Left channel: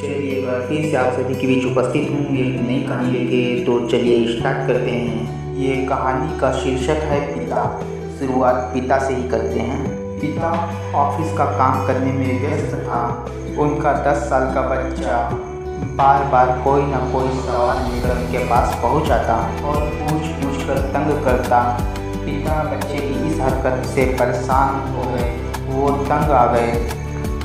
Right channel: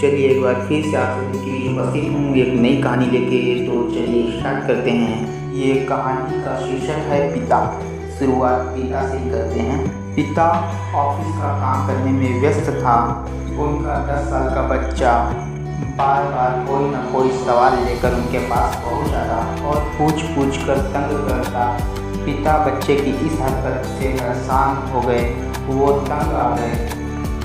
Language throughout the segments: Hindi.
चलिए एक बार फिर से आप सभी के बीच उपस्थित हूँ एक नई कहानी लेके। तो चलिए स्टार्ट करते हैं। ये कहानी का शीर्षक है पिता। शुरुआत पिता से ही करते हैं। पिता ऑफिस का काम करने में व्यस्त था। उनका 10 साल का बच्चा बार बार कोई न कोई सवाल लेकर उनके पास पहुँच आता और पूछ कर तंग करता। पिता बच्चे की इस हरकत से परेशान हो गए, वो तंग आ गए।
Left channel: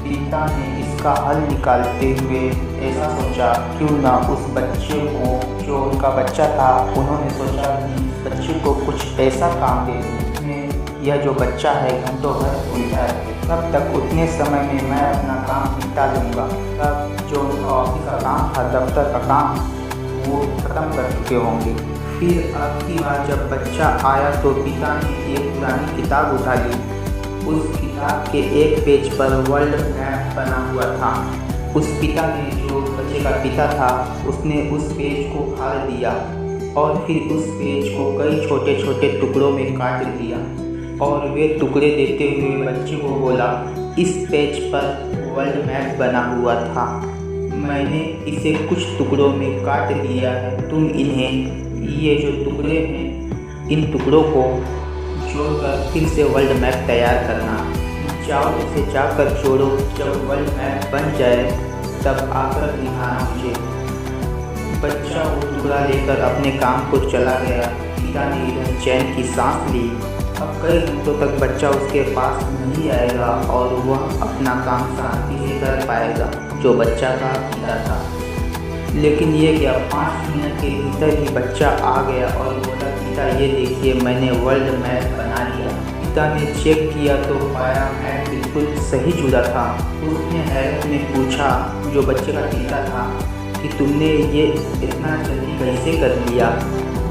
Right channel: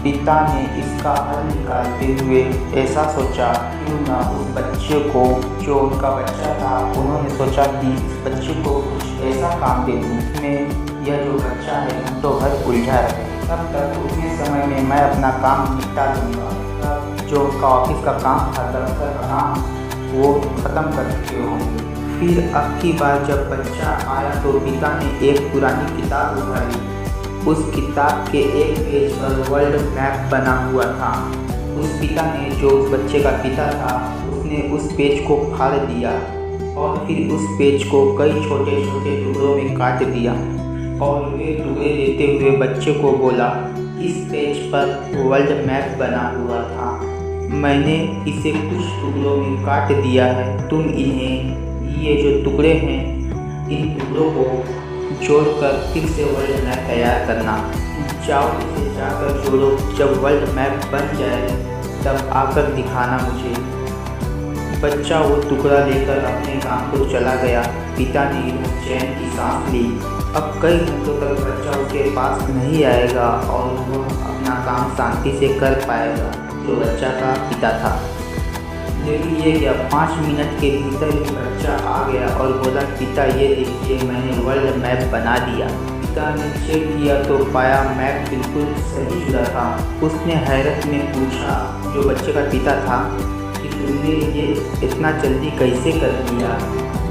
पिता ने इसका हल निकालते हुए ऐसा सोचा, क्यों ना उस बच्चे को, जो उनका बच्चा था, उन्होंने सोचा कि इस बच्चे को कुछ ऐसा काम दे दूँ जिसमें यह जो बच्चा है घंटों भर उलझा रहे। तब तक उतने समय में मैं अपना काम निपटा लूँगा। तब जो उनका ऑफिस का काम था, दफ्तर का काम, वो ख़त्म कर चुके होंगे। फिर अब की बार जब बच्चा आया तो पिता ने एक पुरानी किताब उठा ली। उस किताब के एक पेज पर वर्ल्ड मैप बना हुआ था। उस पिता ने, जो उस बच्चे का पिता था, उसने उस पेज को फाड़ दिया और फिर उस पेज को कई छोटे छोटे टुकड़ों में काट दिया और वे टुकड़े देते हुए बच्चे को बोला, इस पेज पर वर्ल्ड मैप बना हुआ था, मैंने इसे कुछ टुकड़ों में काट दिया है। तुम इन्हें, ये जो टुकड़े हैं, इन टुकड़ों को जोड़कर फिर से वर्ल्ड मैप तैयार करना। जाओ इसे जाकर जोड़ो, जब वर्ल्ड मैप बन जाए तब आकर दिखाना मुझे। बच्चा वो टुकड़ा लेकर अपने काम को चला गया। पिता ने इधर चैन की सांस ली। अब कई घंटों तक बच्चा उसके पास नहीं आएगा और वह अपना काम शांति से कर पाएगा, जो बच्चा का पिता था। लेकिन ये क्या, 5 मिनट के भीतर ही बच्चा आ गया और बोला, पिता ये देखिए, मैंने वर्ल्ड मैप बना लिया। पिता ने चेक किया तो पाया मैप बिल्कुल सही जुड़ा था। उसने हैरत में पूछा, जो बच्चे का पिता था, कि तुमने ये इतना जल्दी कैसे कर लिया।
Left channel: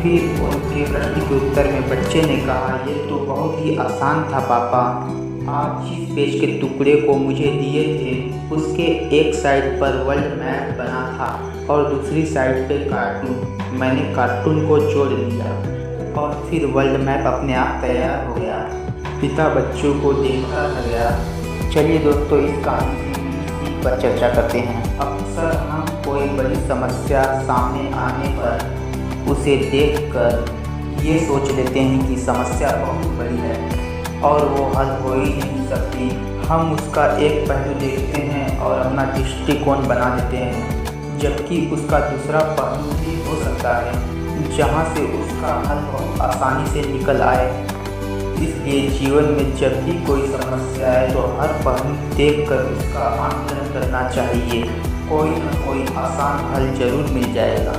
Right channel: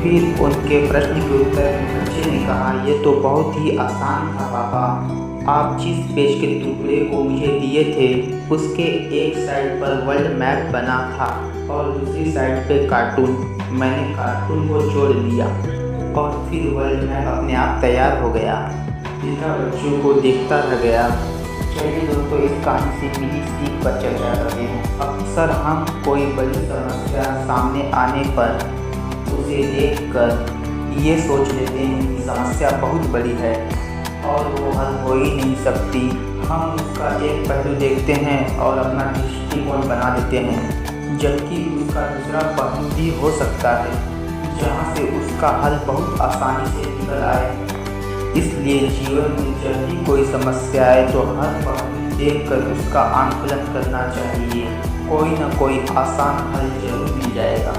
फिर उनके प्रश्न के उत्तर में बच्चे ने कहा, ये तो बहुत ही आसान था पापा। आप जिस पेज के टुकड़े को मुझे दिए थे, उसके एक साइड पर वर्ल्ड मैप बना था और दूसरी साइड पे कार्टून। मैंने कार्टून को जोड़ दिया और फिर वर्ल्ड मैप अपने आप तैयार हो गया। पिता बच्चों को देखता रह गया। चलिए दोस्तों, इस कहानी से मिली सीख पर चर्चा करते हैं। अक्सर हम कोई बड़ी समस्या सामने आने पर उसे देखकर ये सोच लेते हैं कि समस्या बहुत बड़ी है और वो हल हो ही नहीं सकती। हम उसका एक पहलू देखते हैं और अपना दृष्टिकोण बना देते हैं, जबकि उसका दूसरा पहलू भी हो सकता है जहाँ से उसका हल बहुत आसानी से निकल आए। इसलिए जीवन में जब भी कोई समस्या आए तो हर पहलू देखकर उसका आकलन करना चाहिए। कोई न कोई आसान हल जरूर मिल जाएगा।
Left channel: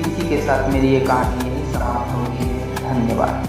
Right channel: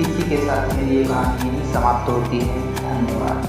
इसी के साथ मेरी ये कहानी यहीं समाप्त होती है। धन्यवाद।